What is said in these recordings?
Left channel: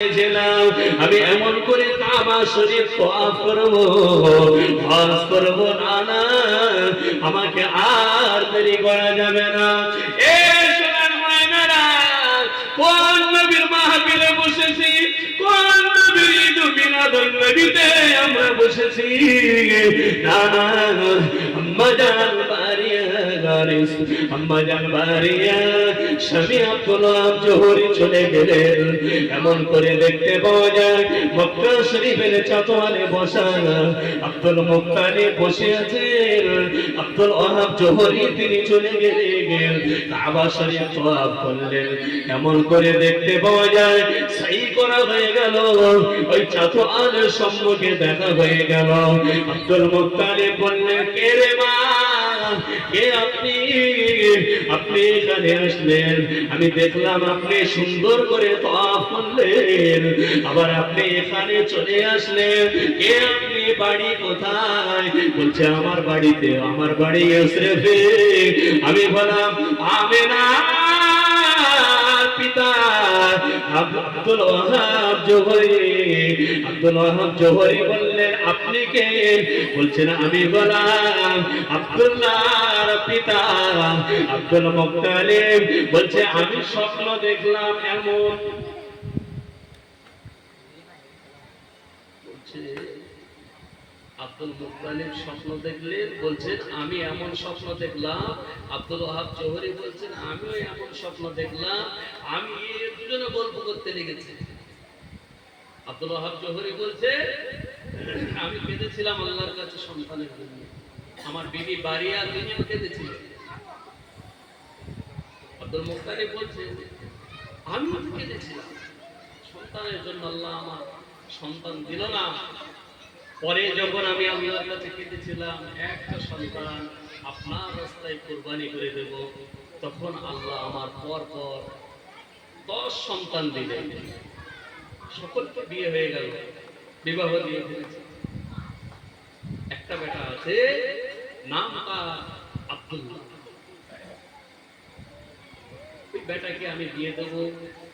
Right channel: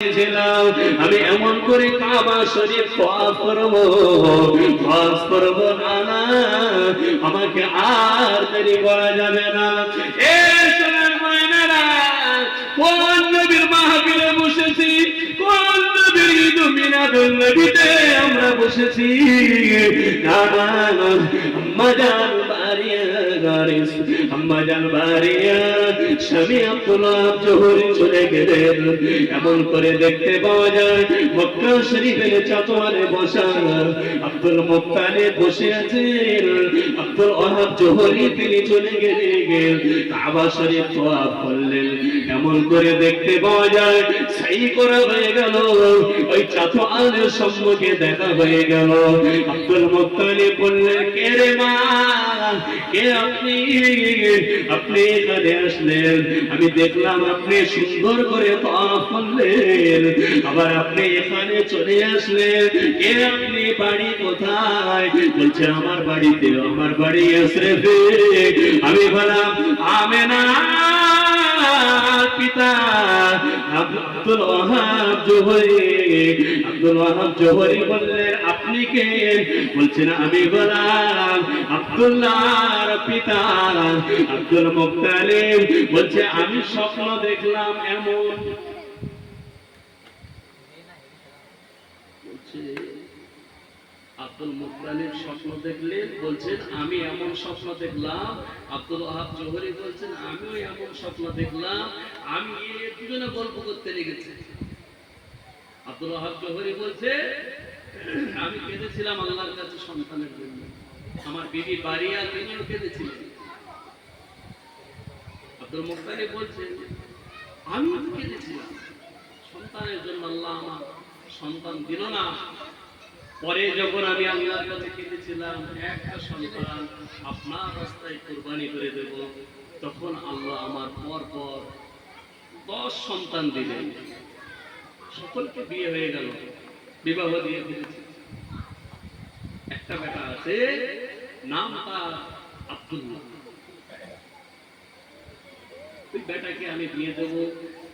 আমি এমন করে কাবা শরীফ তওয়াফ করব, হজ করব না, আমাকে আর দেরি করা যাবে না। এ সোনার ময়নারা, কোন নবীর মাহফিলে বসেছি, কোন নবীর ঈদ মিলাদুন নবীতে আমরা বসেছি। না না, আম্মা জান বারিয়া গারিস, আম্মা জান বারিয়া স্বামী আব্দুল্লাহ জোহরি চলে গেলেন। এমন করে দেখতে পাওয়া যায় মক্কা শরীফের চাতোয়ারে বসা আব্দুল মুত্তালিব বসে আছেন। আব্দুল ওয়াহাব জোহরি তিনি চলে গেলেন, কাবা শরীফ তওয়াফ করলেন। এমন করে দেখতে পাওয়া যায় সাই করা হয়ে গেল, ওই চাতোয়ারের সম্মুখে দেখা হয়ে গেল। আব্দুল মুত্তালিব বললেন, কে রে মা, কে আপনি? আপনি এখানে আসলেন, আমি দেখলাম আপনি সুন্দর করে তওয়াফ করলেন, আবার আপনি এখানে চলে আসলেন, কে আপনি? বাড়ি কোথায়? বলছে আমার বাড়িতে, আমার বাড়ি ইসরাফে। আমি বললাম আমেনা পিতা আব্দুল ওয়াহাব জোহরি। আব্দুল ওয়াহাব জোহরি বললেন, আপনি কে? বলছেন আমি গোলাম আব্দুল্লাহর পিতা আব্দুল মুত্তালিব। বলছে আমি স্বপ্ন দেখলাম এমন। বলছে আব্দুল মুত্তালিব স্বপ্ন দেখলেন, বলছেন আমি এমন স্বপ্ন দেখলাম। আব্দুল ওয়াহাব জোহরি বলছেন আমিও এমন স্বপ্ন দেখলাম। আমি দুজনে গল্প করতে লেগেছি। আব্দুল ওয়াহাব জোহরি বলছে আমি কেঁদেছিলাম আল্লাহর কাছে সন্তানের জন্য, আমার বিবি বারিয়া তিনিও কেঁদেছিলেন। আব্দুল মুত্তালিব বলছে আমি কেঁদেছিলাম সন্তানের জন্য, আল্লাহ আমার সন্তান দিল না। পরে যখন আমি আল্লাহর কাছে কেঁদেছিলাম একটা সন্তান আপনার রাস্তায় কুরবানি করে দেব, তখন আল্লাহ আমার পর পর 10 সন্তান দিলেন। সকলকে বিয়ে হয়ে গেল, বিবাহ দিয়ে ফেলেছে। একটা বেটা আছে, নাম তার আব্দুল্লাহ। ওই বেটাকে আমি বিয়ে দেব,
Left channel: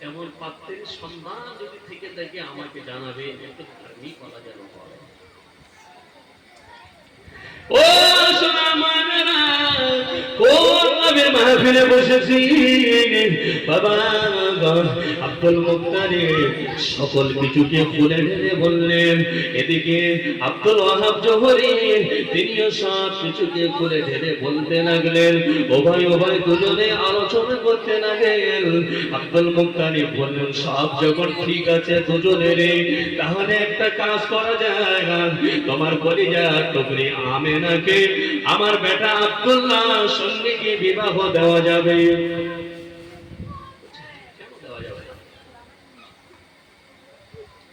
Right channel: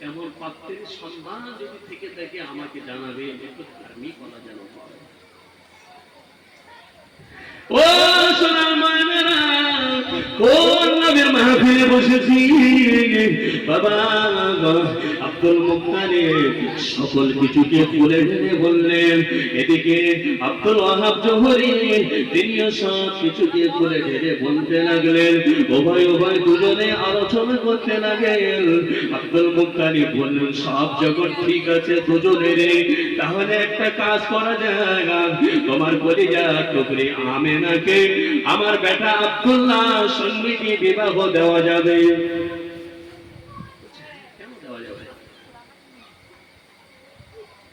এমন পাত্রের সন্ধান যদি থেকে থাকে আমাকে জানাবে, একটু ধার্মিক করা যেন হয়। ও সোনা মায়েরা, কোন নবীর মাহফিলে বসেছি বাবা। আব্দুল মুত্তালিব সকল কিছুকে খুলে ঢেলে বললেন। এদিকে আব্দুল ওয়াহাব জোহরি তিনিও সব কিছুকে খুলে ঢেলে বলতে লাগলেন। উভয় দুজনে আলোচনা করতে লাগলেন। আব্দুল মুত্তালিব বললেন, সব যখন ঠিক আছে দুজনের, তাহলে একটা কাজ করা যায়, তোমার কলিজার টুকরি আমেনাকে আমার বেটা আব্দুল্লাহর সঙ্গে কি বিবাহ দেওয়া যাবে? কেন দেওয়া যাবে?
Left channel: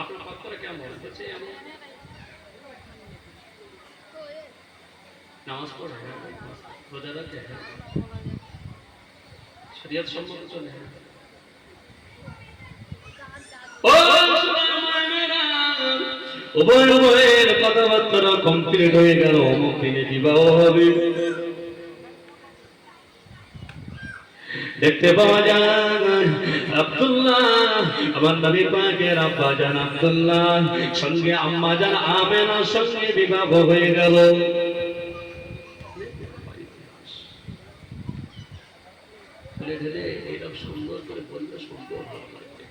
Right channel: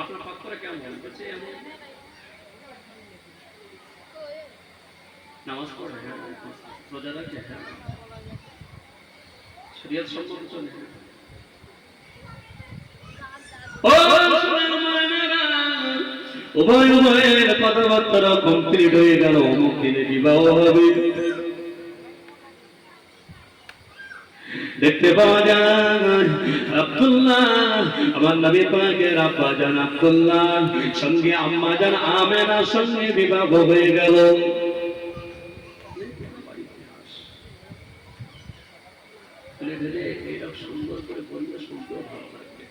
আপনার পাত্র কেমন? বলছে এমন নামাজ পড়ে, রোজা রাখে, শরীয়ত সম্মত চলে। উভয়ের কথাবার্তা কমপ্লিট হয়ে গেল, অমুক দিনে বিবাহ হবে। দেখতে পাওয়া যায় আব্দুল্লাহ আমার নবী পাকের আব্বা জান আব্দুল্লাহ সঙ্গে আম্মা জান আমেনার সঙ্গে বিবাহ হয়ে গেল। খুলে ঢেলে এরকম সুন্দর করে বললে শুনতেও ভালো লাগবে,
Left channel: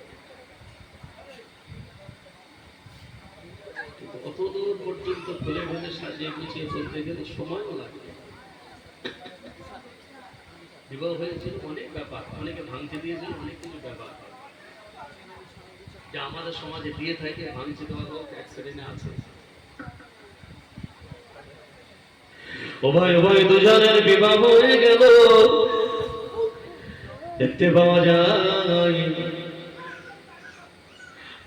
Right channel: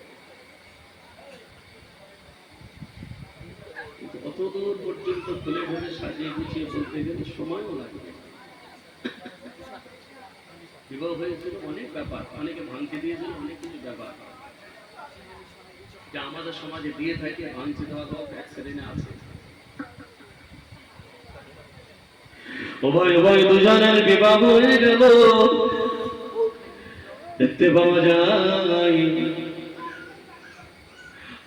কিন্তু অতদূর পর্যন্ত খুলে ঢেলে সাজিয়ে গুছিয়ে বলতে গেলে সময়ও লাগবে। বিবাহ হয়েছিল অনেক ব্যাপার, অনেকে ভাঙতে দিয়েছিল অনেক কিছু ব্যাপার যা আমাদের সমাজে দিয়ে থাকে। ভাঙতে দেওয়া হোক, এক শ্রেণী আছে। উভয় দুজনের বিবাহ হয়ে গেল। দেখতে পাওয়া যায়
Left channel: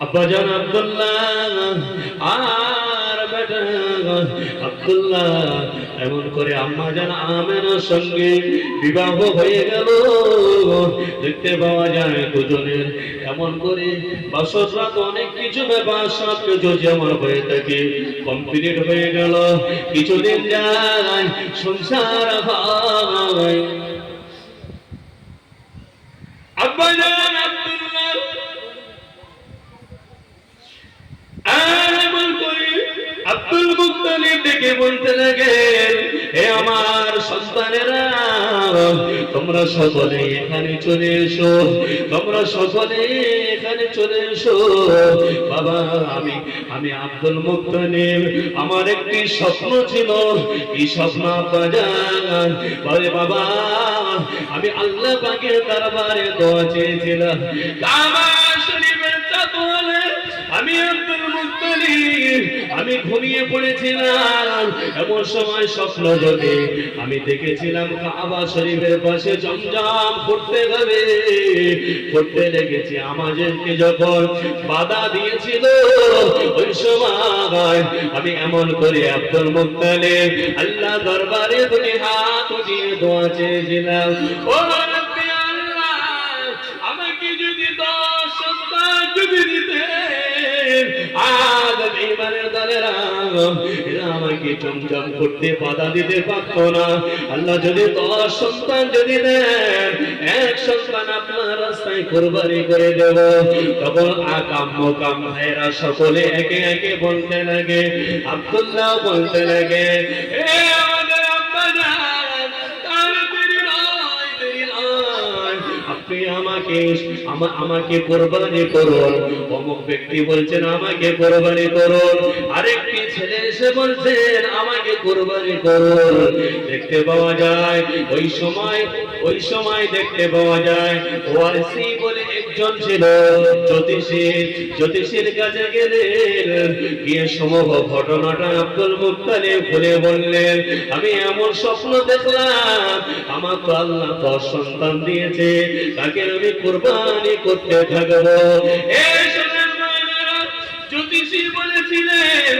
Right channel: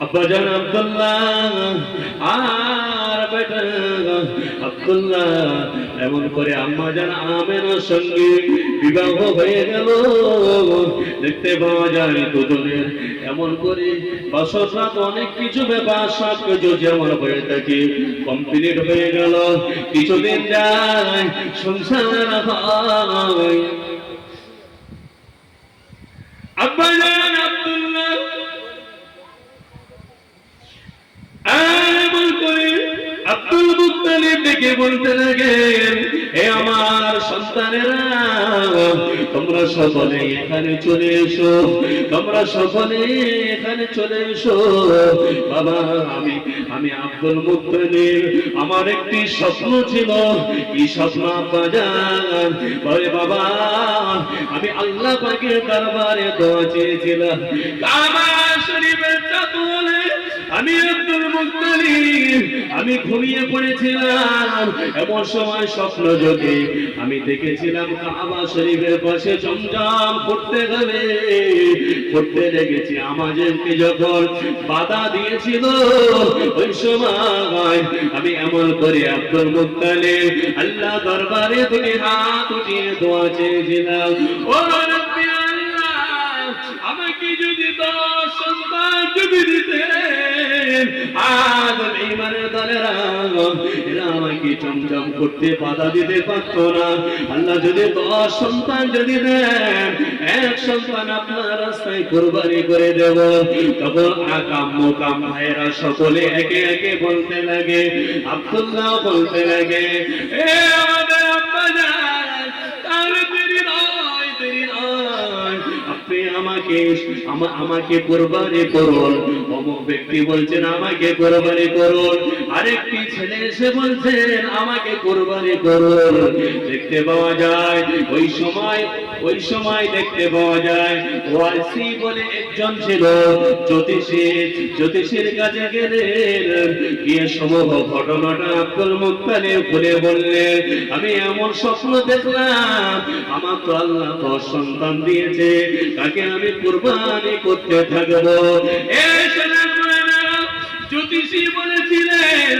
আব্বাজান আব্দুল্লাহ আর বেটা আব্দুল্লাহ এমন করে আম্মাজান আমেনার সঙ্গে বিবাহ হয়ে গেল। দেখতে পাওয়া যায় দুজনের এমন করে বছর রাত অনেক কিছু ব্যাপার সব কিছু যেমন হয়ে থাকে কমপ্লিট হয়ে গেল। কিছুদিন যায়, সংসার হয়। আব্বাজান আব্দুল্লাহ আব্দুল মুত্তালিব ডেকে বলতে লাগেন, হে আমার সন্তানেরা, তোমরা সকলে এখানে চলে এসো, তোমরা সকলে এখানে চলে এসো। বাবা, আমি আব্দুল মুত্তালিব, আমার একটি স্বপ্ন ছিল। এই স্বপ্ন বাজান বলে, বাবা আমি আল্লাহ পাকের দরবারে দোয়া চেয়েছিলাম, কাবা শরীফের চাতলে আমি আব্দুল মুত্তালিব আমি ঘুমিয়ে পড়েছিলাম। এমন সময় স্বপ্ন যোগে আমি দেখেছিলাম কাবা শরীফের পাশে জমজম পড়তে হবে, পড়তে লেগেছি। আমাদেরকে যখন বাধা দিয়েছিল ওই সময় আমি এমন করে আব্দুল মুত্তালিব আল্লাহ দরবারে দুই হাত উঠিয়ে দোয়া চেয়েছিলাম, ও রব্বি আল্লাহ, আমাকে যদি 10 সন্তান যদি দিতেন, আজ ইমানের দলেরা এরা আমাকে চমচম করতে বাধা দিতে পারতো না। আল্লাহ যদি 10 সন্তান যদি দেন, 1 সন্তান আপনার রাস্তায় কুরবানি করে দেব। তখন আকাম মোকাম ভাইরা সকলে একে একে বলতে লাগে, আব্দুল্লাহ বলতে লাগে, এ আমাদের আব্বা জান, তাহলে দেরি নয়, দেরি নয়, আপনি আমাকে কুরবানি করুন। অমুক ব্যক্তি বলছেন আমাকে কুরবানি করুন, আরেকটি ছেলে এসে বলছেন আমাকে কুরবানি করুন। দেখতে পাওয়া যায় ওই সময় দেখতে পাওয়া যায় ওয়াসি বলে একজন ছিল জ্যোতিষীর কাছে গেলেন, গিয়ে সমগ্র ঘটনাটা আব্দুল মুত্তালিব খুলে বললেন, আমি এমন স্বপ্ন দেখলাম, আমার তো আল্লাহ 10 সন্তান দিয়েছে, তাকে আমি কুরবানি করতে থাকবো। জ্যোতিষী বলেছিলেন,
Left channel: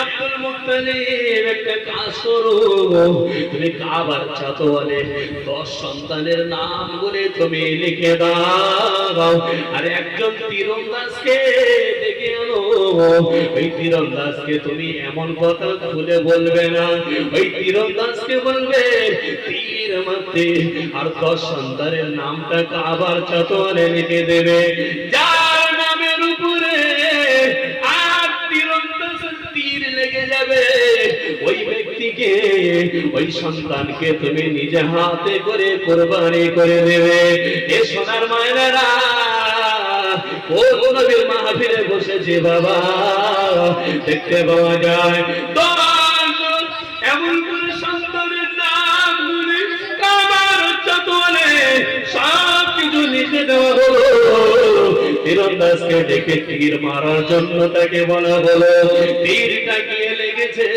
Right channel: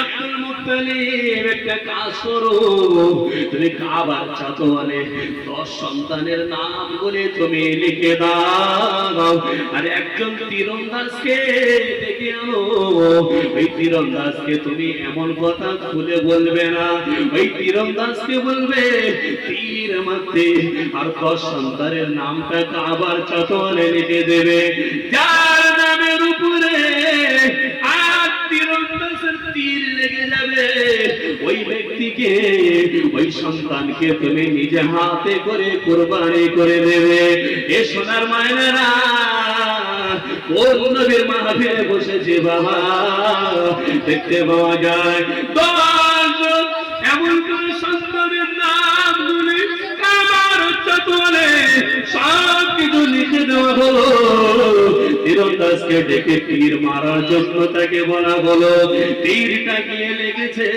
আব্দুল মুত্তালিব একটা কাজ করো, তুমি কাবার চাতওয়ালে 10 সন্তানের নাম বলে তুমি লিখে দাও, আর একজন তীরন্দাজকে ডেকে আনো। ওই তীরন্দাজকে তুমি এমন কথা খুলে বলবে না, ওই তীরন্দাজকে বলবে তীর মারতে, আর 10 সন্তানের নামটা কাবার চাতওয়ালে লিখে দেবে। যার নামের উপরে তীর লেগে যাবে, ওই ব্যক্তিকে, ওই সন্তানকে তুমি নিজে হাতে করে কুরবানি করে দেবে। এ সোনার মায়েরা, কোন নবীর মাহফিলে বসেছে বাবা, দেখতে পাওয়া যায় এমন করে সন্তানের নাম গুলি কাবার চাতওয়ালে সব কিছু লিখে দেওয়া হলো। তীরন্দাজকে ডেকে তীর মারার জন্য তাকে বলা হলো, তীরটা গিয়ে লেগেছে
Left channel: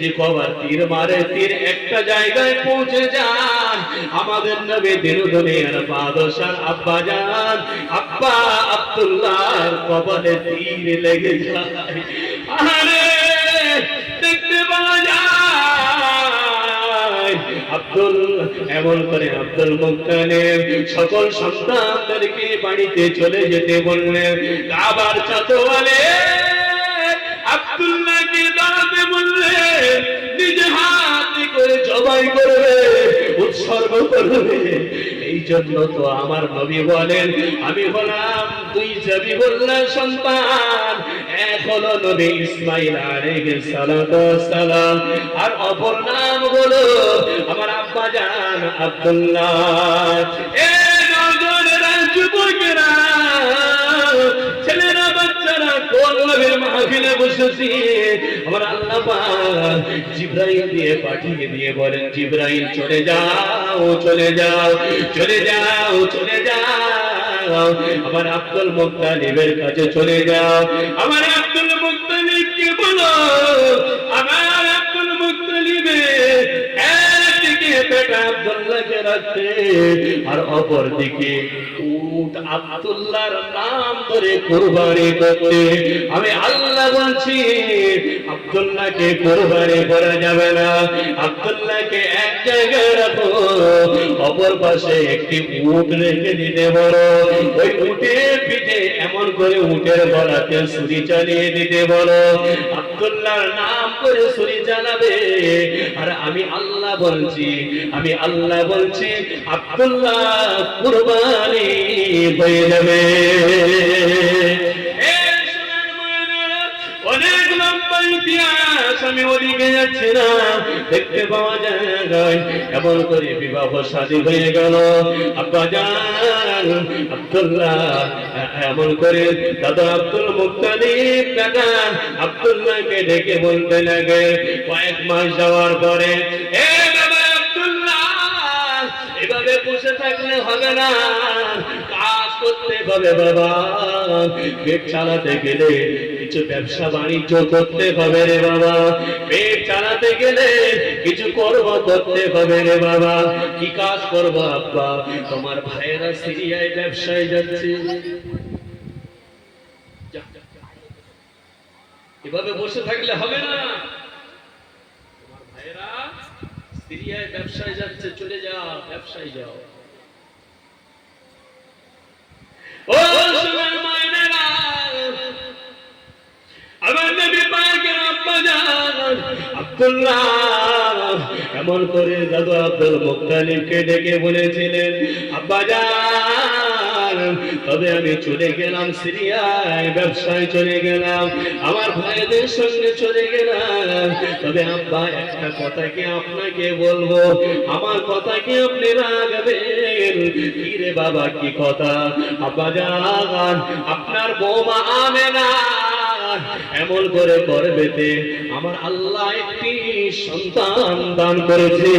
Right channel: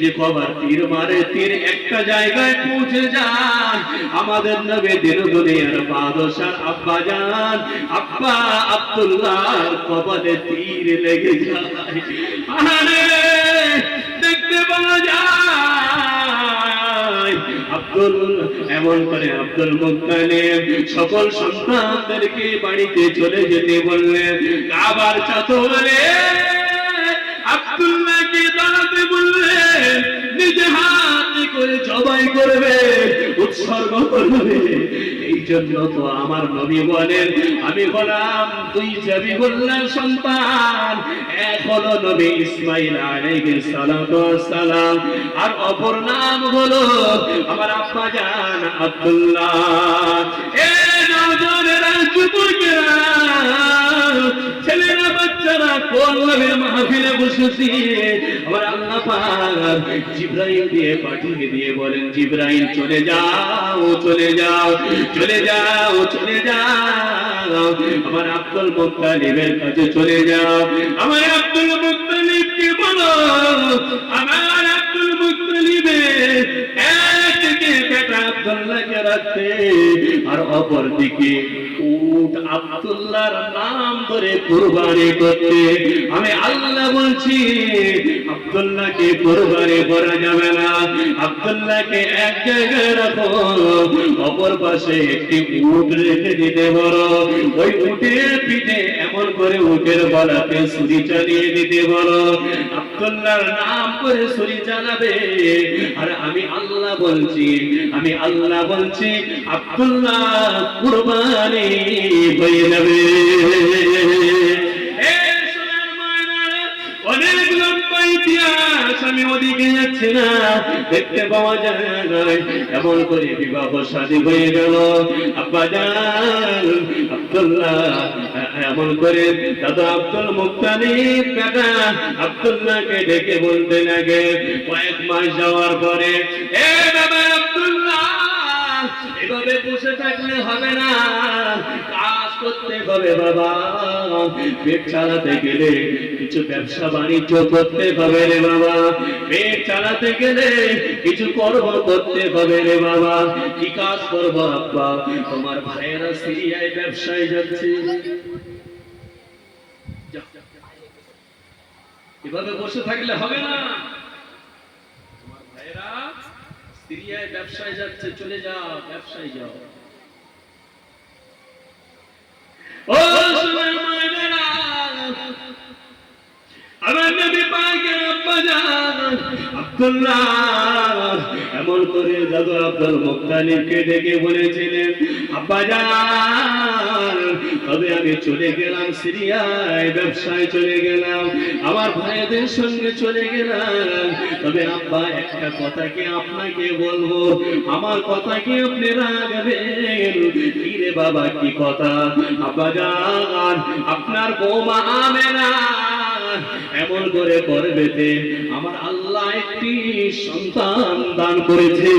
যে কবার তীর মারে, তীর একটা জায়গায় পৌঁছে যায়। আমাদের নবী দিন দুনিয়ার বাদশাহ আব্বা জান আব্বা আব্দুল্লাহর কপালে তীর লেগে যায়। আরে দেখতে পাওয়া যায় এমন করে আব্দুল মুত্তালিব সকল সন্তানদেরকে বাড়িতে চলে যেতে বললেন। কাবার চাতওয়ালে আব্দুল্লাহকে দাঁড়াতে বললেন, নিজে হাতে করে জবাই করবে, উৎসর্গ করবে। এই জন্য তো আমার নবী বলেন, আমি হলাম 2 জাবিহুল্লাহ সন্তান, এক হলো নবী ইসমাঈল আলাইহিস সালাতু ওয়াস সালাম, আর অপর নাম হলো আমার আব্বা জান আব্দুল্লাহ। এই নওজোয়ানেরা, যুবকেরা, ছেলেরা, বাচ্চারা, কোন নবীর মাহফিলে বসেছি, আমার আল্লাহ পাক জিবরাইল দিয়ে পাঠিয়ে দিয়ে বলেন, জিবরাইল চলে যাও, চলে যাও, চলে যাও, চলে যাও, আমার আব্দুল মুত্তালিবের কাছে চলে যাও। আমার আব্দুল মুত্তালিবকে বলো, আমার আব্দুল মুত্তালিবের একদিকে বেটা আব্দুল্লাহকে রাখতে, আর অপর দিকে উট আব্দুল্লাহর নাম করে কুরবানি করতে। আমি আল্লাহ বলছি, আব্দুল্লাহকে কুরবানি করা যাবে না, আব্দুল্লাহকে এক জায়গায় রাখো, অপর পাশে একটি উট রেখে দিতে বলো। ওই উটের পিঠে এমন করে উটের গলাতে ছুরি চালিয়ে দিতে বলো, আব্দুল্লাহর নাম করে ছুরি চালাবে। আর আমি আল্লাহ বলছি, আমি আল্লাহ বলছি, আব্দুল্লাহ কুরবানি হয়ে যাবে। অনেক লম্বা ইতিহাস। আমি ওদিকে যাচ্ছি না, দেখতে পাওয়া যায় এমন করে বিবাহ শাদী হয়ে গেল। আব্বাজান আব্দুল্লাহ এমন করে দাদা আব্দুল মুত্তালিব কাকা আব্দুল্লাহকে ডেকে বলতে লাগে কয়েক মাস যাওয়ার পরে, এ বাবা আব্দুল্লাহ, এভাবে বসে থাকলে হবে না, কাজ করতে হবে বাবা। পেট চালাতে গেলে কিছু ব্যবসা বাণিজ্য করতে হবে রে বাবা, পেট চালাতে গেলে কিছু কর্ম করতে হবে রে বাবা। কি কাজ করবো আব্বা? তোমার ভাইয়েরা সিরিয়ায় ব্যবসায় যাচ্ছে। এভাবে বসে থাকলে হবে না, তোমার ভাইয়েরা সিরিয়ায় ব্যবসায় যাচ্ছে, চলে যাও, ব্যবসায় যাও। ও সোনার মায়েরা, আমার নবী পাকের আব্বাজান আব্দুল্লাহ এমন করে দাদু আব্দুল মুত্তালিবকে ডেকে বলেছিলেন, আব্বাজান তবে আমি চলে গেলাম সিরিয়ায়, ব্যবসায় চলে গেলাম, আমার ভাইদের সঙ্গে চলে গেলাম, তবে আব্বা একটা কথা কি আপনাকে বলবো, আমার কথা কি আপনি রাখবেন? কি রে বাবা, কি কথা? আব্বাজান আপনার বৌমা আমেনা এমন করে করবেতে আমার আল্লাহ একটি সন্তান দান করেছে।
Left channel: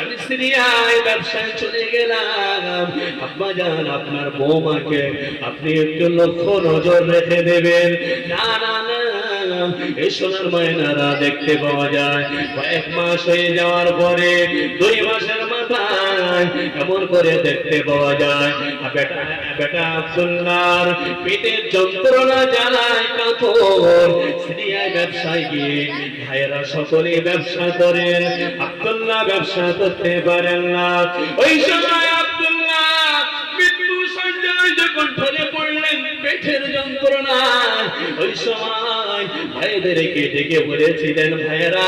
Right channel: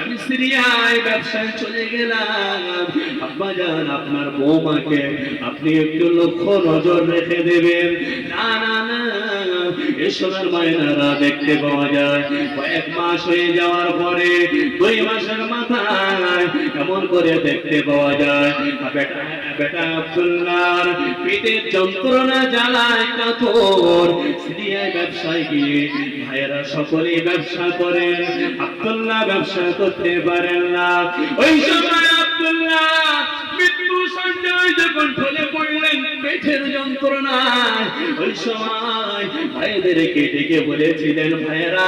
আমি সিরিয়ায় ব্যবসায় চলে গেলাম, আব্বাজান আপনার বৌমাকে আপনি একটু লক্ষ্য নজর রেখে দেবেন। না না না, এই সোনার মায়নারা দেখতে পাওয়া যায় কয়েক মাস হয়ে যাওয়ার পরে 2 মাসের মাথায় এমন করে দেখতে পাওয়া যায় বেটা আব্দুল্লাহর পেটের যন্ত্রণা জ্বালায় কাতর, সিরিয়ায় ব্যবসায় গিয়ে ভাইয়েরা সকলেই ব্যবসা করেন, আব্দুল্লাহ ব্যবসা করতে পারেন না। ওই সময় আব্দুল্লাহ মৃত্যু সঞ্জয় যখন ঢলে পড়লেন পেটের যন্ত্রণা, ওই সময় ভাইদেরকে ডেকে বলেছিলেন, ভাইয়েরা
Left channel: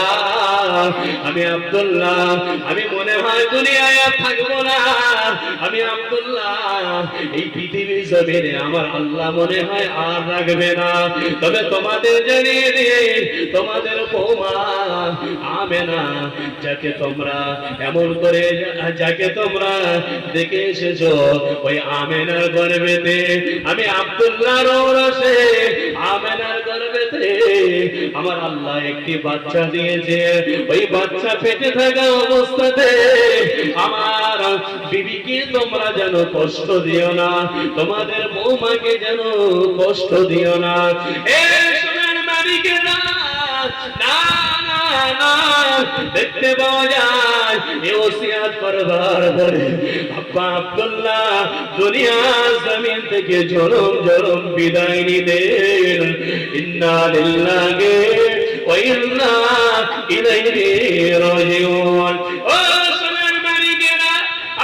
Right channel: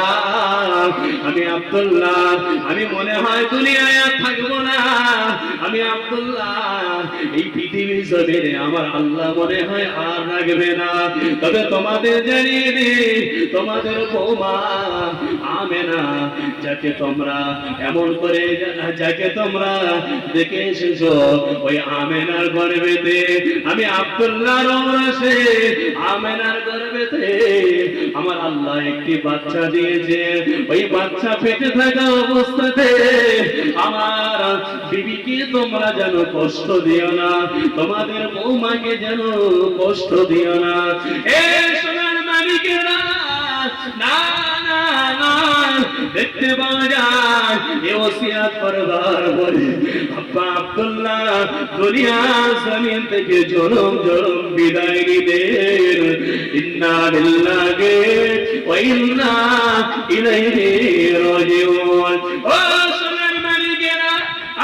আমি আব্দুল্লাহ, আমি মনে হয় দুনিয়ায় আর থাকবো না, আমি আব্দুল্লাহ এই পৃথিবীর জমিনে আমার আল্লাহ মনে হয় আর রাখবে না। তবে তোমাদের জানিয়ে দিই, তোমাদের বৌমা আমেনা যাকে তোমরা এমন করে যাকে তোমরা দেখে এসেছো, ওই আমেনার গর্ভেতে আমি আব্দুল্লাহর ওরসে আমেনার গর্ভেতে আমার আল্লাহ একটি বাচ্চা দিয়েছে। ওই বাচ্চা পেটে থাকা অবস্থাতে আমার বিবিকে তোমরা যেন কষ্ট দিও না, তোমাদের বৌমাকে যেন কষ্ট দিও না। এই সোনার মালিকেরা, না না না, দেখতে পাওয়া যায় এই ওসিয়াত করবার পরে আব্বা আব্দুল্লাহ দুনিয়া জমিন থেকে জনম জনম বিদায় নিলেন। ইন্না লিল্লাহি ওয়া ইন্না ইলাইহি রাজিউন। ও সোনার মালিকেরা,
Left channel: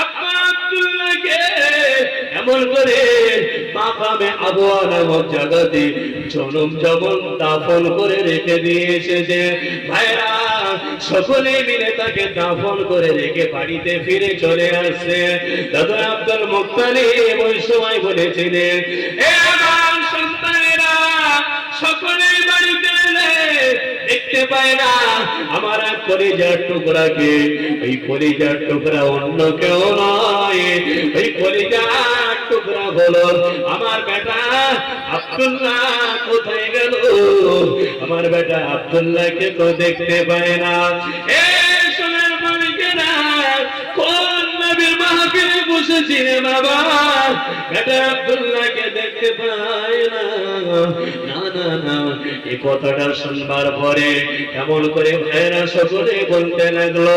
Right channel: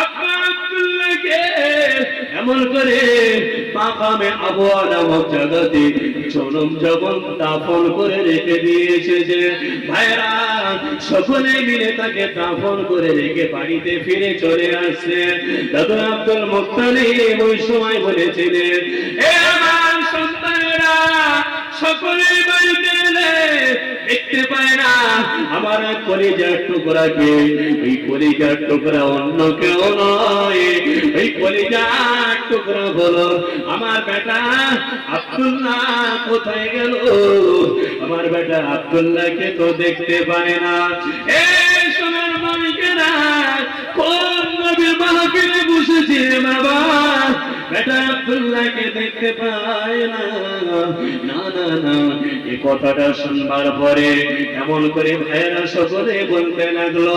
আব্বা আব্দুল্লাহকে এমন করে মাকামে আবওয়া নামক জায়গাতে জনম জবন দাফন করে রেখে দিয়ে এসেছে। ভাইরা সকলে মিলে তাকে দাফন করে রেখে বাড়িতে ফিরে চলে আসছে। দাদু আব্দুল মুত্তালিব ওই সময় বলেছিলেন, এ আমার সন্তানেরা, সকলে বাড়িতে এলে দেখতে পায় না আমার এক কলিজার টুকরাকে, এই কলিজার টুকরা অন্য কেউ নয়, এই কলিজার টুকরা হলো আমার বেটা আব্দুল্লাহ। কোথায় গেল আমার বেটা আব্দুল্লাহকে তো দেখতে পায় না। এই সোনার মালিকেরা, কোন নবীর মাহফিলে বসেছিলেন বাবা, বেটা আব্দুল্লাহকে দেখতে পায় না। না না না, এই কথাটা শুনবার পরে এমন করে ভাইয়েরা সকলে বলতে লাগলো,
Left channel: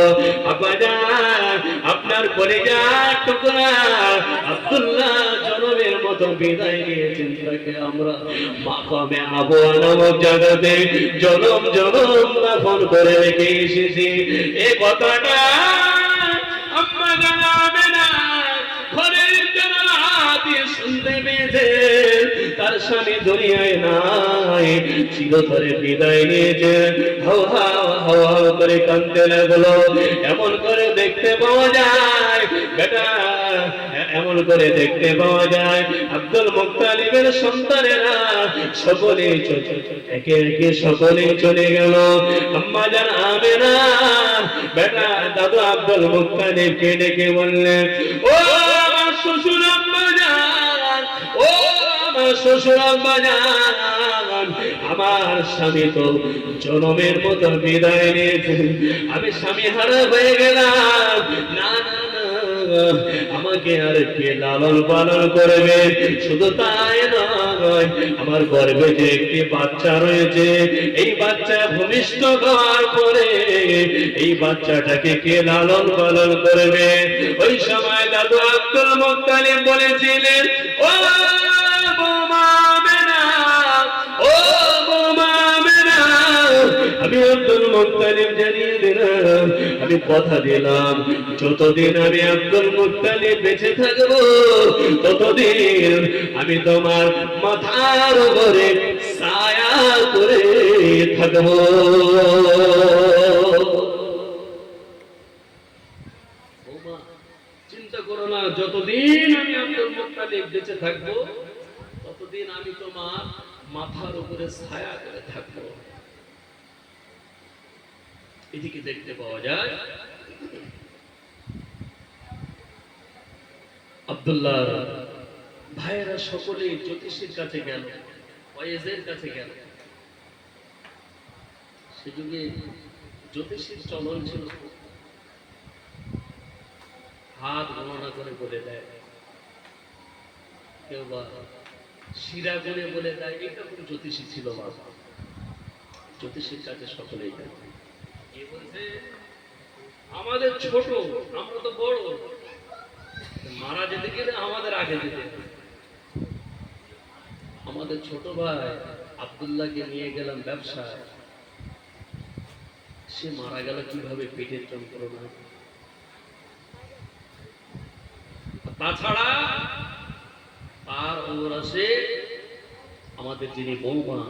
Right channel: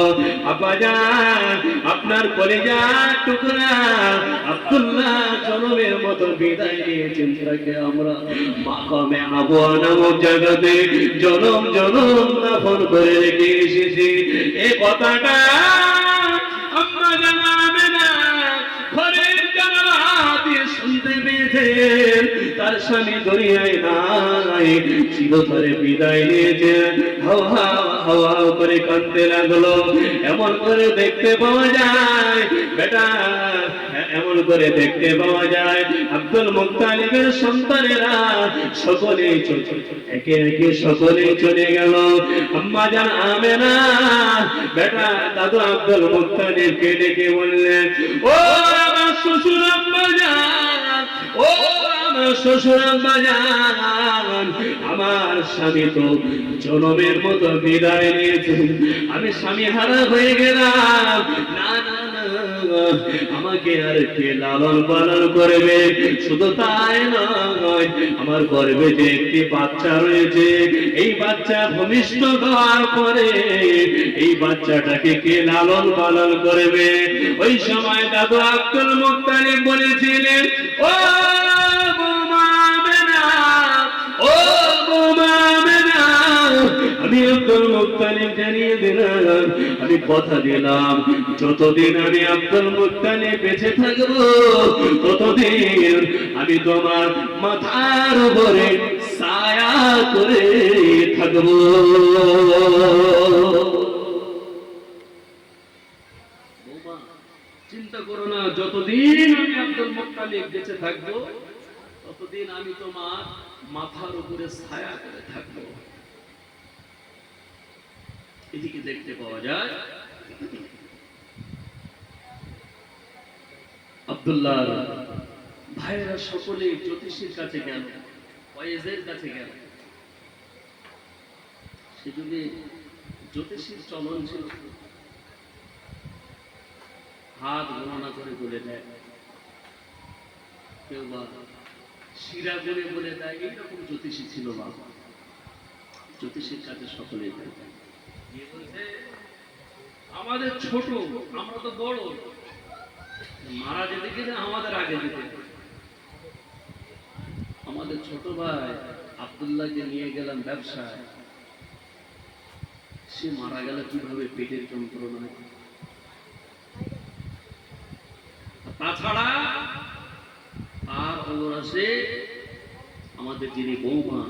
আব্বাজান আপনার কলিজার টুকরা আব্দুল্লাহ জনমের মতো বিদায় নিয়েছেন, তাকে আমরা মাকামে আবওয়া নামক জায়গাতে জনম জনম দাফন করে রেখে এসেছি। এই কথাটা আম্মা জানাবে না, ঘরের জানালা দিয়ে শুনতে পেয়েছে তার স্বামী দুনিয়ায় নাই, চিরতরে বিদায় নিয়েছে। হাওয়া হাওয়া করে কাঁদতে লাগলো। এমন করে দেখতে পাওয়া যায় বেটা এমন করে দেখতে পাওয়া যায় আব্দুল মুত্তালিবের সন্তানেরা সকলে একে একে সকলে চলে গেল। আম্মা জান আমেনা বেটা দাদু আব্দুল মুত্তালিবকে ডেকে বললেন, ও আমার শ্বশুর আম্মা জান, ও আমার শ্বশুর আম্মা জান, আমার স্বামী তো জনমের মতো বিদায় নিয়েছেন, আমি স্বামী হারা হয়ে গেলাম, না না না আমাকে আর কে লালন পালন করবে? শুধু তাই নয়, আমার গর্ভে যে একটি বাচ্চা রয়েছে, এই বাচ্চা ভূমিষ্ঠ হওয়ার পরে এই বাচ্চাটাকে কে লালন পালন করবে? ওই সময় দাদু আব্দুল মুত্তালিব বলেছিলেন, ও আমি আব্দুল মুত্তালিব জানিয়ে দিলাম, আমি কথা দিলাম, যতদিন আমি আব্দুল মুত্তালিব বেঁচে থাকবো ততদিন আমি তোমার মাথার উপরে ছায়া করে থাকবো। চিন্তা করো না, যতদিন আমি আব্দুল মুত্তালিব বেঁচে থাকবো ততদিন আমি তোমার মাথার উপরে ছায়া করে থাকবো। এদিকে দেখতে পাওয়া যায় আব্দুল্লাহ ভাইয়েরা সকলে জ্যোতিষীর কাছে গেল, ওয়াইজের কাছে গেল। সে যুগে জ্যোতিষীর চলন ছিল, হাত গণনা করে বলে দেয়, কেউ বা শিরা গুনে বলে দেয়, এইরকম জ্যোতিষী ছিল বাবা। জ্যোতিষীর কাছে সকলেই যায়। আমাদের ছোট, আমরা তো বড়, মারা যেতে গেলে আমাদের আগে যেতে। আমাদের ছোট ভাই আব্দুল্লাহকে নিয়ে গেলাম ব্যবসায়, সে মারা গেল কিভাবে? পেটের যন্ত্রণা। তাছাড়া তার অবরাসে আমাদের যিনি বৌমা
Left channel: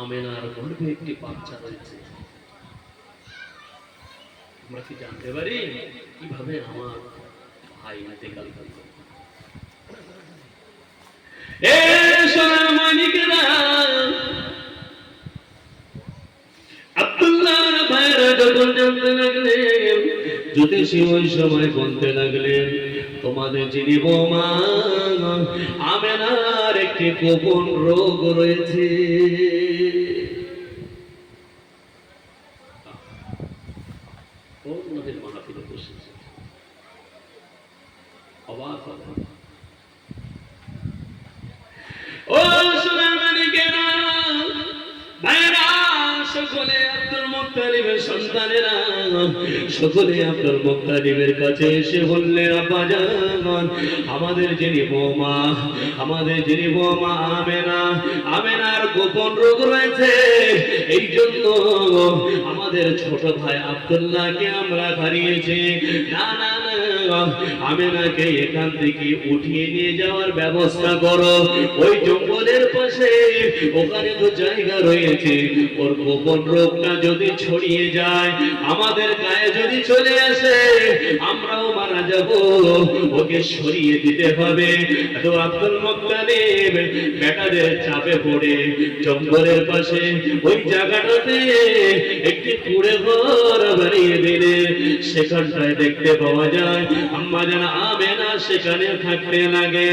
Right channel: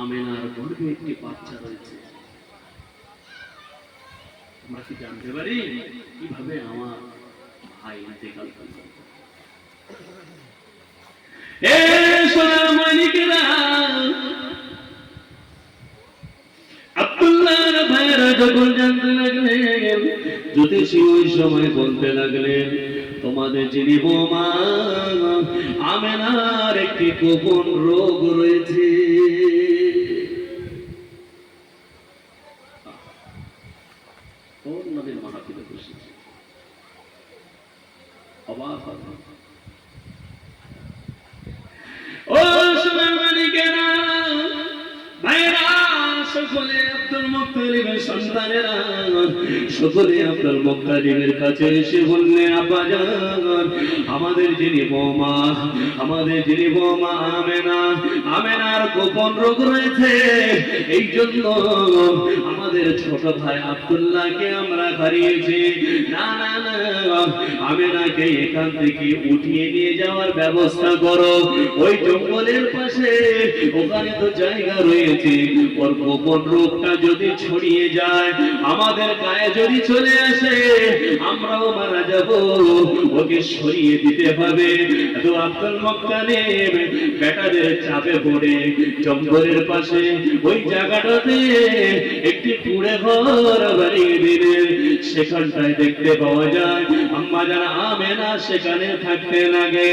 আমেনার গর্ভে একটি বাচ্চা রয়েছে। আমরা কি জানতে পারি কিভাবে আমার ভাই ইন্তেকাল করল? আব্দুল্লাহর ভাইরা যখন জানতে লাগলেন, জ্যোতিষী ওই সময় বলতে লাগলেন, তোমাদের যিনি বৌমা আমেনার একটি গোপন রোগ রয়েছে। নবীর মাহফিলে বসেছে, অবাক অবাক। ও সোনার মানিকেরা, ভাইরা, সকলে আব্দুল মুত্তালিবের সন্তানেরা সকলে আব্দুল মুত্তালিবের কাছে এসে বললেন, আব্বা জান, আমাদের যিনি বৌমা আমেনা, আমেনার গোপন রোগ রয়েছে, এই জন্য আমাদের ছোট ভাই আব্দুল্লাহকে আমরা হারিয়েছি। না না না, আমেনাকে এখান থেকে উঠিয়ে নিয়ে যাওয়ার ব্যবস্থা করো। ওই জঙ্গলের পাশে ওখানে তো জায়গা রয়েছে, ওর গোপন রোগটা যদি ছড়িয়ে যায়, আমাদের গায়ে যদি চলে আসে, আমরাও মারা যাব, ওকে সরিয়ে দিতে হবে। তো আব্দুল মুত্তালিব বেটাদের চাপে পড়ে জঙ্গলের পাশে ওই জায়গাটাতে একটি কুঁড়ে ঘর বানিয়ে দিলেন। সেখানটায় দেখতে পাওয়া যায় আম্মা জান আমেনা সেখানে থাকতে লাগে।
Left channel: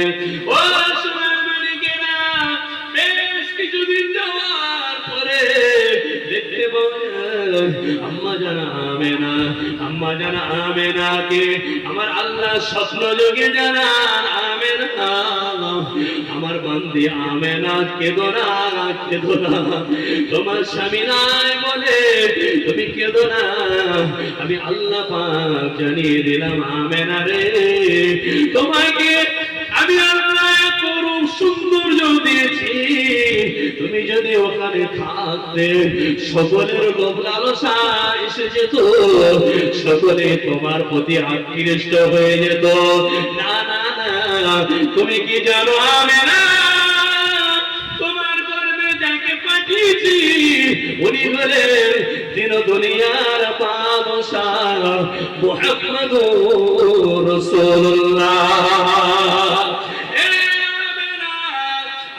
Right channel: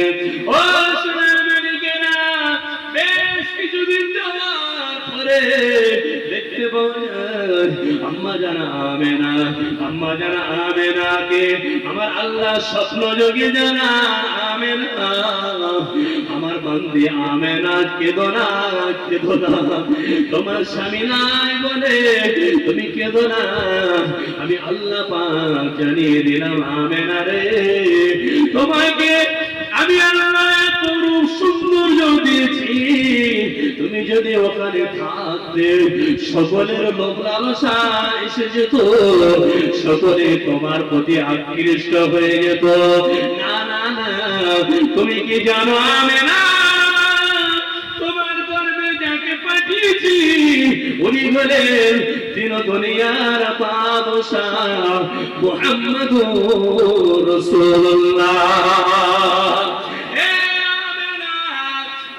ও সোনার মানিকেরা, বেশ কিছুদিন যাওয়ার পরে দেখতে পাওয়া যায় আম্মা জান আমেনাকে আমার আল্লাহ স্বপ্ন যোগে জানান, আমেনা আমার বান্দি আমেনা, কেঁদো না, তোমার স্বামী নাই বলে তুমি কেঁদো না। আমি আল্লাহ পাক জানিয়ে দিলাম, আমেনা রে, তোমাকে আমি আল্লাহ এত রূপ সৌন্দর্য দিয়েছি, তুমি যদি ওখানে থাকতে সকলের লোভ লালসা এসে যেত, সকলে তোমার প্রতি আকৃষ্ট হয়ে যেত। না না না, তুমি কি জানো আমেনা, তোমার গর্ভে যাকে পাঠিয়ে দিয়েছি উনি হলেন দিন দুনিয়ার বাদশাহ মুহাম্মদুর রাসূলুল্লাহ।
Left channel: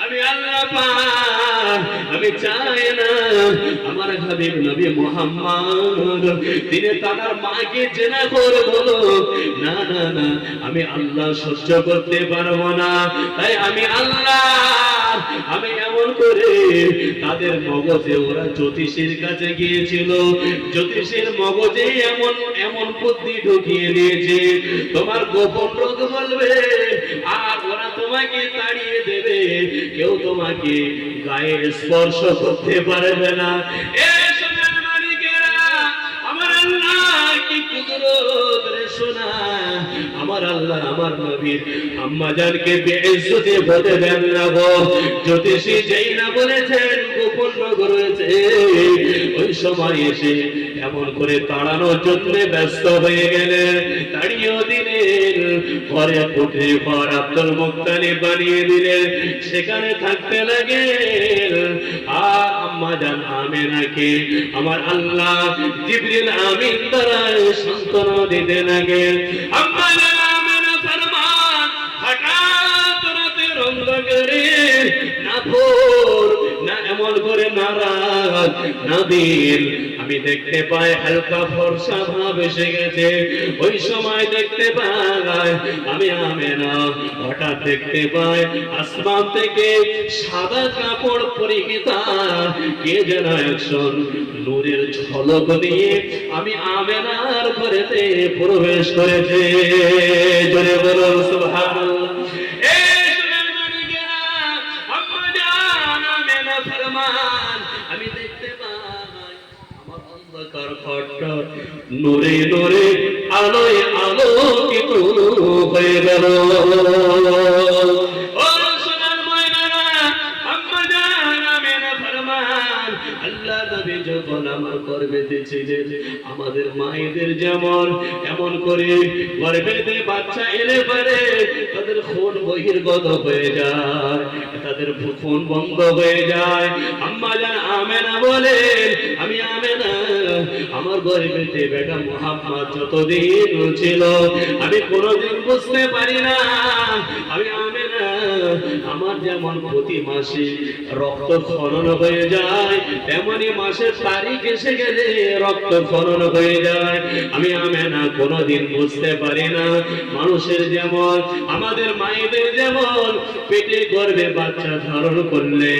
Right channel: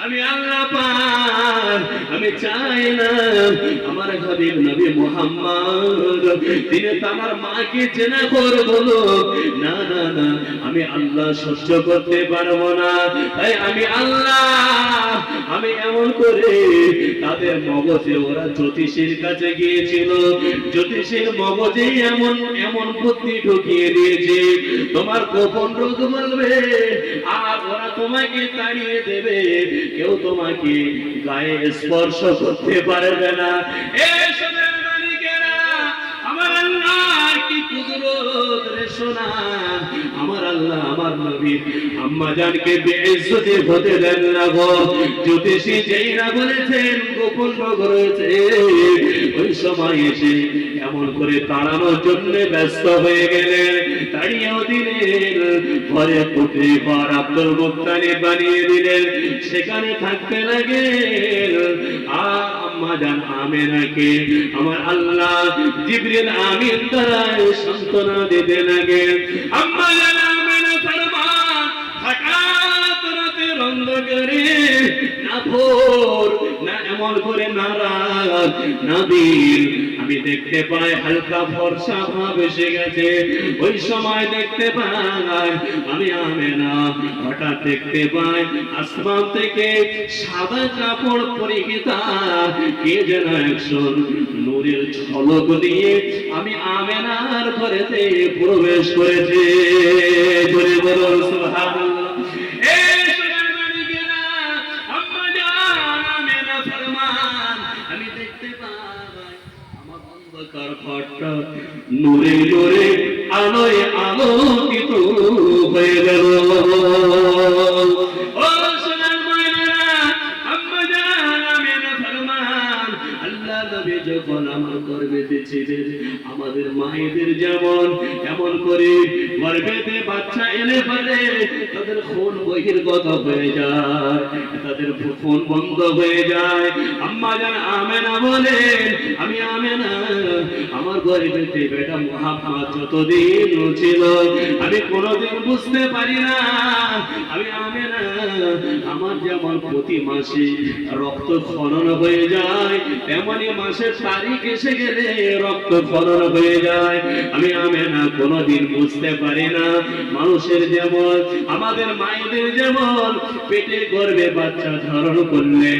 আমি আল্লাহ পাক আমি চাই না আমার হাবিব নবী মুহাম্মদ তিনি তার মাকে জেনা করে বলো না না না আমি আল্লাহ সহ্য করতে পারবো না। তাই আমি আল্লাহ আমি এমন করে তাদের মগজে ওরা জ্যোতিষীর কাছে গিয়েছিল, জ্যোতিষীর মগজে এমন এমন বুদ্ধি ঢুকিয়ে দিয়েছে তোমার গোপন রোগ বলবে আর ওরা তোমাকে তাড়িয়ে দেবে, কেউ তোমাকে গায়ে স্পর্শ করতে পারবে না। আমার আল্লাহ কি কুদরত রে সোনা, আমার আল্লাহ আমার নবীর আম্মা জানকে বেইজ্জতি হতে দেন না গো। জ্যোতিষী যেই না বলেছেন গোপন রোগ রয়েছে ওই সময় এসে এমন করে তাড়ানোর জন্য ব্যস্ত হয়ে গেলেন, তাড়িয়েও দিলেন, ঘরে পুঁটে ঘর আব্দুল মুত্তালিব বানিয়ে দিলেন, সেখানে থাকতে লাগে। আর আম্মা জান আমেনাকে আমার আল্লাহ জিবরিল আমিন দ্বারা সান্ত্বনা দিতে লাগে। আম্মা জান আমেনা ফরমান হঠাৎ রাতের অন্ধকারে না ভোর না এমন করে না রাত না দিন আমি দেখতে পাই হালকা ফর্সা ভাব এসে গেছে। ওই সময় দেখতে পাই আমি আমেনা হঠাৎ দেখতে পাই আসমান থেকে সাদা কাপড় পরিহিতা কে যেন একজন নূরের ঝলক দিয়ে আমি আমেনার ঘরেতে প্রবেশ করেছে। জোরে বলুন সুবহানাল্লাহ। আমি দেখতে পাই আমার অন্ধকার ঘরটা নূরে নূরে আলোয় আলোকিত হয়ে গেল। ও সোনার ময়নারা, আম্মা জান আমেনা ফরমান আল্লাহ নবী যখন আমার গর্ভেতে ছিলেন আমাদের মায়েদের যেমন এমন করে গর্ভেতে বাচ্চা এলে পারে তাদের খুন বহির্গত হয়ে যায়, তাদের খুন বন্ধ হয়ে যায়। আম্মা জান আমেনা বলেন আমি আমেনা আমার গর্ভেতে বেটা মুহাম্মদ যতদিন ছিল আমি কোনোদিন বুঝতে পারি না। আমি আমেনা আমার যেমন প্রতি মাসে রক্ত খনন হয়ে যায় তেমনি মাসের তারিখ এসে গেলে রক্ত খনন হয়ে যায়। আমি আমেনা কোনোদিন বুঝতে পারি না মানুষের যেমন আমাদের মায়েদের যেমন পেটে গর্ভে বাচ্চা ধারণ করলে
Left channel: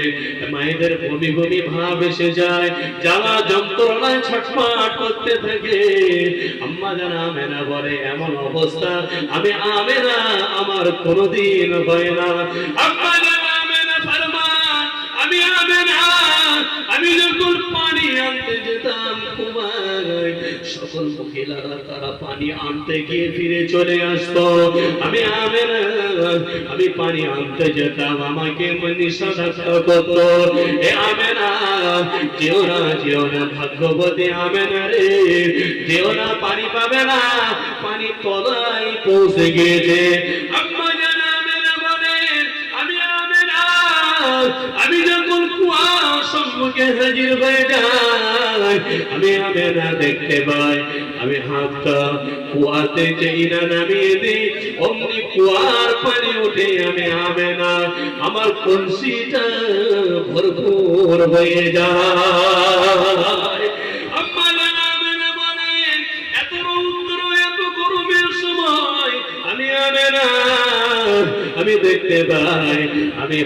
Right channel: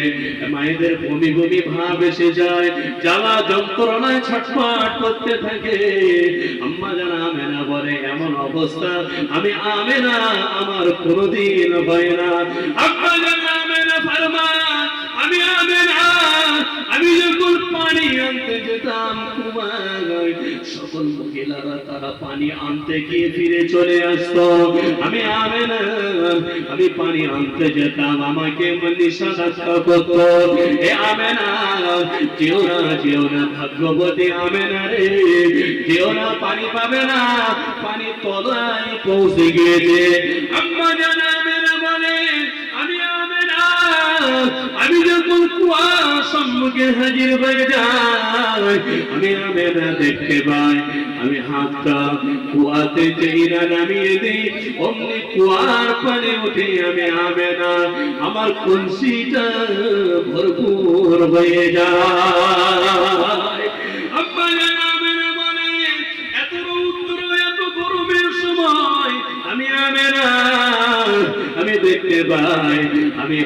মায়েদের বমি বমি ভাব এসে যায়, জ্বালা যন্ত্রণায় ছটফট করতে থাকে। আম্মা জান আমেনা বলে এমন অবস্থা আমি আমেনা আমার কোনোদিন হয় না। আম্মা জান আমেনা ফরমান আমি আমেনা আমি যখন পানি আনতে যেতাম কুমায় সকল মহিলারা তারা পানি আনতে গিয়ে ফিরে চলে আসতো। আমি আমেনা আমি পানি আনতে যেতাম আমাকে নিষেধাজ্ঞা করতো, এ আমেনা যেও না ভাগ্যবতী আমেনা রে, যেও না পানি পাবে না, পানি তলায় পৌঁছে গিয়েছে। আম্মা জান আমেনা বলে আমি আমেনা আমি যখন কুয়ার সম্মুখে হাজির হয়ে যাই আমি আমেনা দেখতে পাই আমি হাতটা কুয়াতে যেই না নামিয়ে দিই অমনি কুয়ার পানি উঠে আমি আমেনা আমার কলসিটা ভরপুর হয়ে যায়। আম্মা জান আমেনা বলে এত রৌদ্র এত গরমের সময় আমি আমেনা আমি দেখতে পাই আমি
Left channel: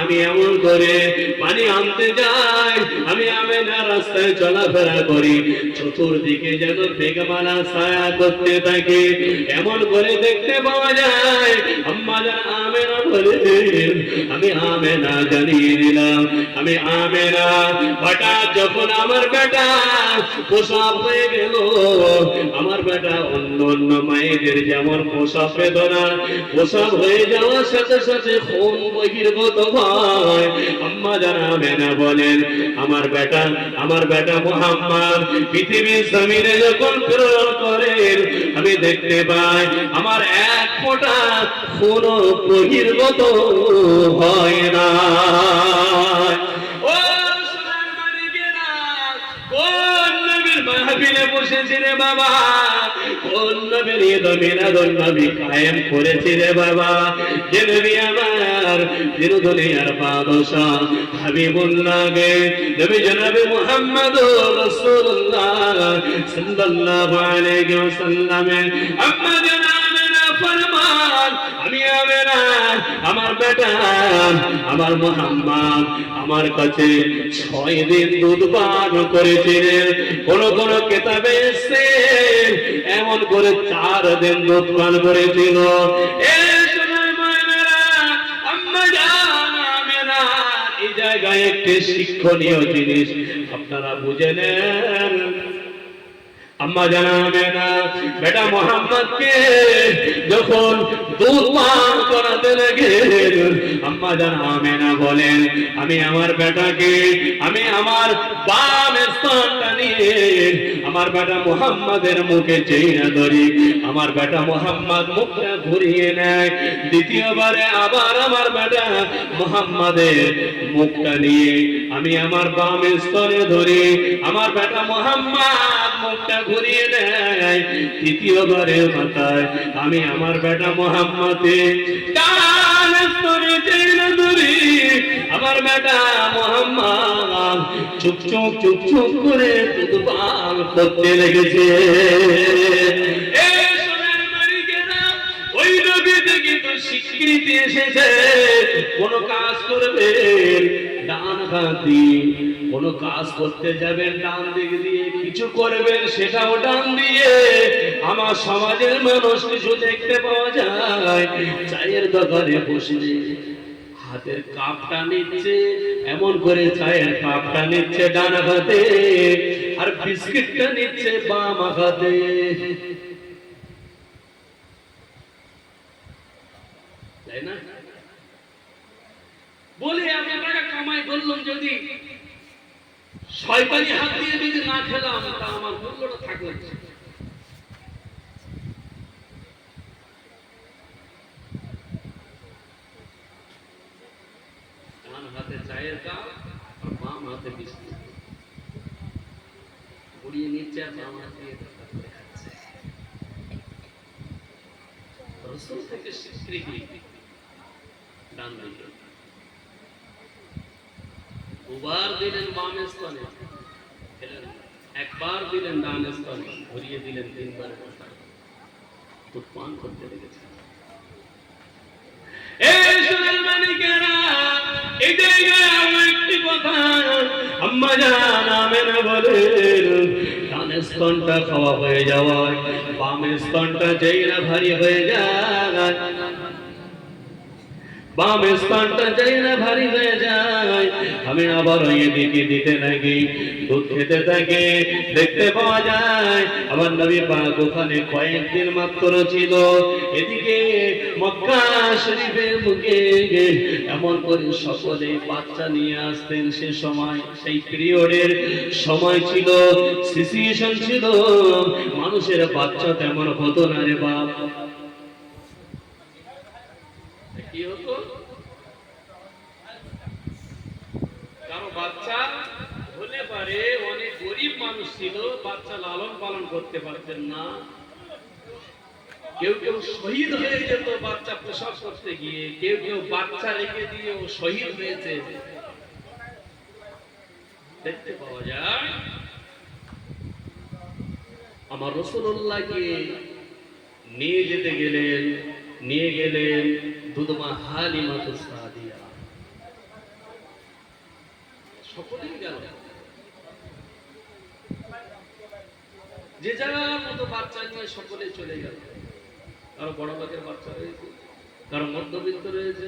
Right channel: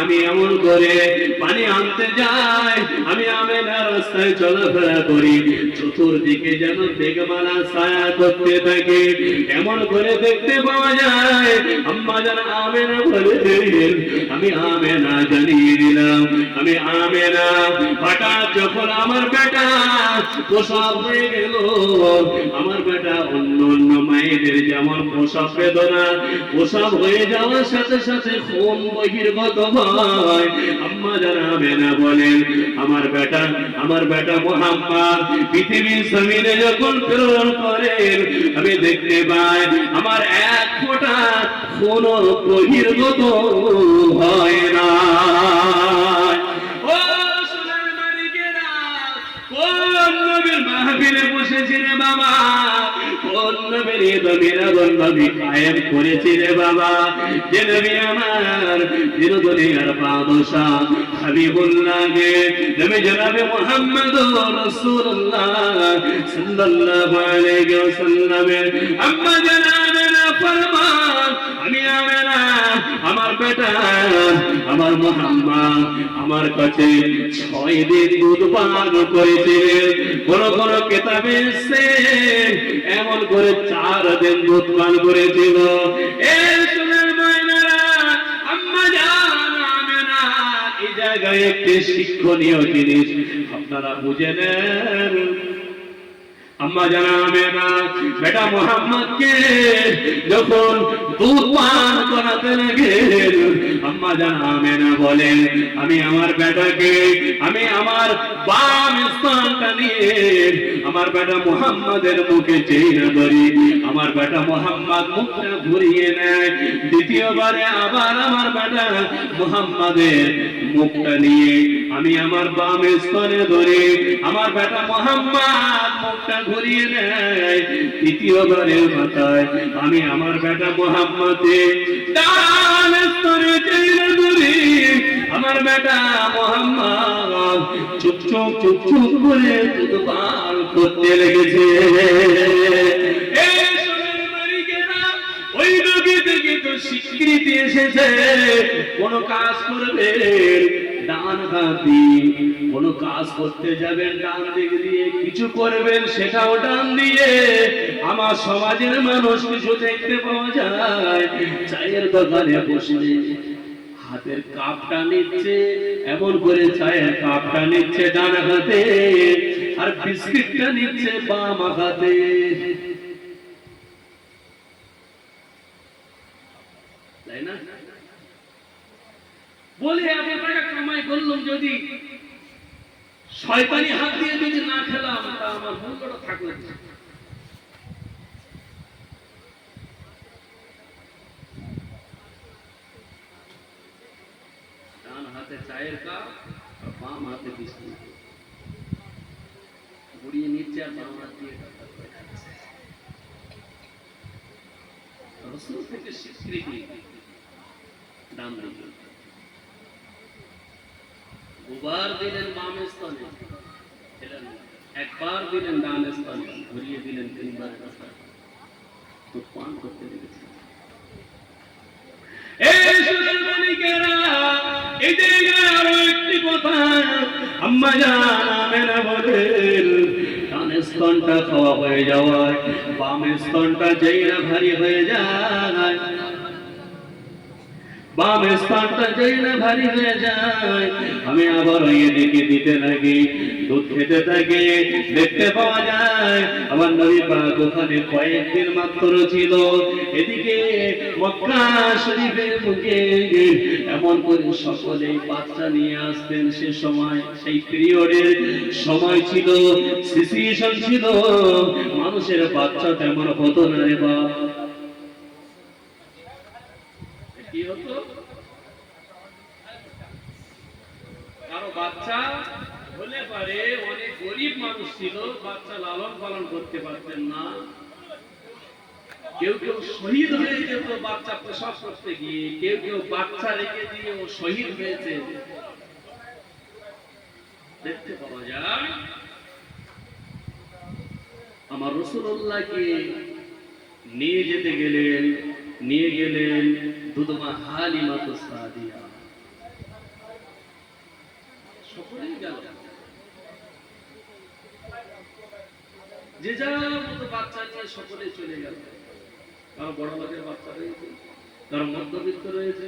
আমি এমন করে পানি আনতে যাই আমি আমেনা রাস্তায় চলাফেরা করি চতুর্দিকে যেন মেঘমালা ছায়া করতে থাকে এমন করে দেখতে পাওয়া যায়। আম্মা জান আমেনা বলে আমি আমেনা জানিয়ে দিলাম আমি আমেনা হঠাৎ যখন আমার বেটা প্রসব হয়ে গেল আমার বেটা অন্য মায়েদের যেমন প্রসব বেদনা প্রসব হয়ে যাওয়ার সাথে সাথে খুন বহির্গত হয়। আম্মা জান আমেনা বলেন আমার বেটা মুহাম্মদ পৃথিবীর জমিনে যখন প্রেরণ করেন আমি দেখতে পাই আমার এক ফোঁটা খুন বহির্গত হয় না। ও বাবা কোন নবীর দমিনাদন নবী কায়েম করেছে রে বাবা যে নবী আমার দুনিয়ার বাদশা হাবিবুল্লাহ গে নবী জনাবে মুহাম্মদুর রাসূলুল্লাহ সাল্লাল্লাহু আলাইহি ওয়াসাল্লাম আম্মা জানাবেনা ফরমান আমি আমেনা আমার বেটা আমার মুহাম্মদ আমার কাছে 6 দিন দুধ পান করেছে কোন কোন কিতাবে এসেছে এমন করে 4 দিন দুধ পান করেছিল এই সোনার ময়নারা আম্মা জান আমেনা এই জায়গায় একটি শিক্ষণীয় জিনিস আপনারা বুঝে নেন আম্মা জানাবে না বেটা মোহাম্মদকে যখন দুধ পান করাতে লাগলেন আম্মা জানাবে না বলেন আমি আমার বেটাকে আমি আমার বাম স্তনটা নিয়ে আমার বেটা মোহাম্মদের মুখে চেইনা ধরি আমার বেটা মোহাম্মদ মুখটা ঘুরিয়ে নেয় দ্বিতীয়বারে আবার আমার বেটা মোহাম্মদের মুখটা নিয়ে আমি আমার বাম স্তনে ধরি আমার বেটা মোহাম্মদ মুখটা ঘুরিয়ে দেয় তৃতীয়বারের মাথায় আমি আমার বেটা মোহাম্মদের ডান স্তনে চেইনা ধরি আমার বেটা মোহাম্মদ চুপ চুপ চুপ চুপ করে দুধ পান করতে লেগেছে ওই নবী থেকে তো স্বীকৃতি এসেছে কোন কাজ করবেন ডান হাত দিয়ে কোন কাজ করতে যাবেন ডান দিক দিয়ে কিছু করবেন সেটাও ডান দিয়ে আমার সমাজের মানুষ কিছু দেখতে পাওয়া যায় চায়ের দোকানে বসলে হাতের কাপটা নিচ্ছে এমন করে চায়ের কাপটা নিচ্ছে ডান হাতে আর বিস্কিটটা নিচ্ছে বাম হাতে তাই না বলে আমি টাকা কামাই করলাম যদি শয়তানি হাত দিয়ে যদি না খেলাম তা আমার মূল্যটা থাকলো ডান হাতে চায়ের কাপ আর বাম হাতে বিস্কুট বুড়িয়ে নিচ্ছে আর বাম হাত দিয়ে খাচ্ছে রাসূল থেকে স্বীকৃতি ডান দিকে দুবার দিলেন বাম স্তনে একবার দিলেন ডান স্তনে ঘুরিয়ে দিলেন 3 বার তো পান করতে লেগেছে এই সোনার মানিকেরা এই জায়গায় আরো একটি কথা আম্মা জান আমেনা বলেন ডান স্তনটা খাওয়া হয়ে যাওয়ায় বাম স্তনটা যেই না ভারী হয়ে যায় বাম স্তনটা যেই না ভারী হয়ে যায় আমি আবার এদিকে দিতে থাকি দুধ খেতে থাকি দেখতে পাওয়া যায় আমার নবী পাক ওখানে কয়েকদিন মাত্র ছিল এদিকে মক্কা শরীফের মুখে এমন করে সকলে বাচ্চা নিয়ে আসতেন সে সময় সেই পিরিয়ডের সময় ছিল সিচুয়েশন ছিল মানুষের বাচ্চা তেমন হতো না রে বাপ কি হতো কারো বাচ্চা হলে পারে অনেক গরিব মানুষ ছিল বাচ্চা লালন পালন করতে পারতেন না কেউ কেউ শহীদ হয়ে যেত বাচ্চা প্রসব করতে গিয়ে কেউ কেউ বাচ্চা রেখে দিয়ে ও শহীদ হয়েছে দেখতে পাওয়া যায় আমার রাসূলুল্লাহকে নিয়ে যেতে গেলেন নিয়ে গেলেন দুধমা হালিমাতুস সাদিয়া সকলেই গেল যে যার মতো বাচ্চা নিয়ে সকলে চলে গেল কারো বড় লোকের বাচ্চা রয়েছে কারো মধ্যবিত্ত রয়েছে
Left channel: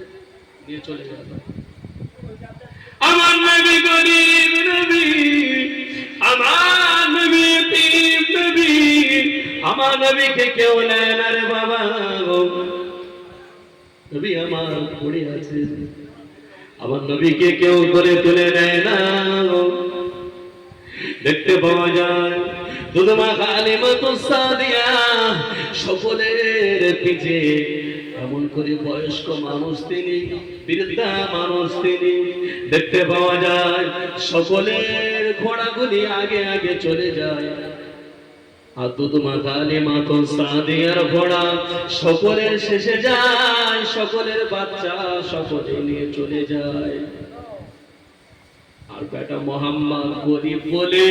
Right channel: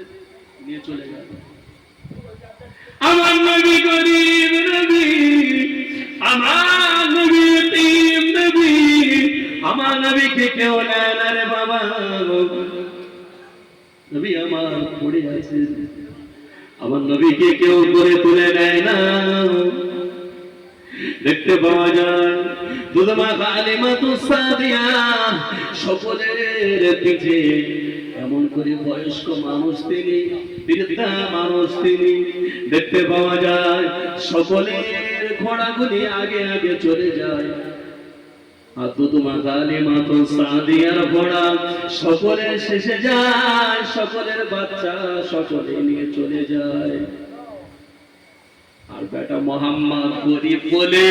নিয়ে চলে গেল আমার নবী গরিব নবী আমার নবী এতিম নবী আমার নবীকে কেউ নেয় না রে বাবা নবী আমার পড়ে আছে আমার নবীকে কেউ করে তুলে নেয় না দেখতে পাওয়া যায় দুধমা হালিমাতুস সাদিয়া সকলের পিছে এমন করে বয়স্ক মানুষ তিনি বৃদ্ধা মানুষ তিনি দেখতে পাওয়া যায় সকলের ঘোড়াগুলি আগে আগে চলে যায় আতুতুমা কালিমাতুন সাদিয়ার ঘোড়া সকলের শেষে যায়, সকলের বাচ্চা সকলে নিয়ে চলে যায়, আর বেটা মোহাম্মদ গরিব বলে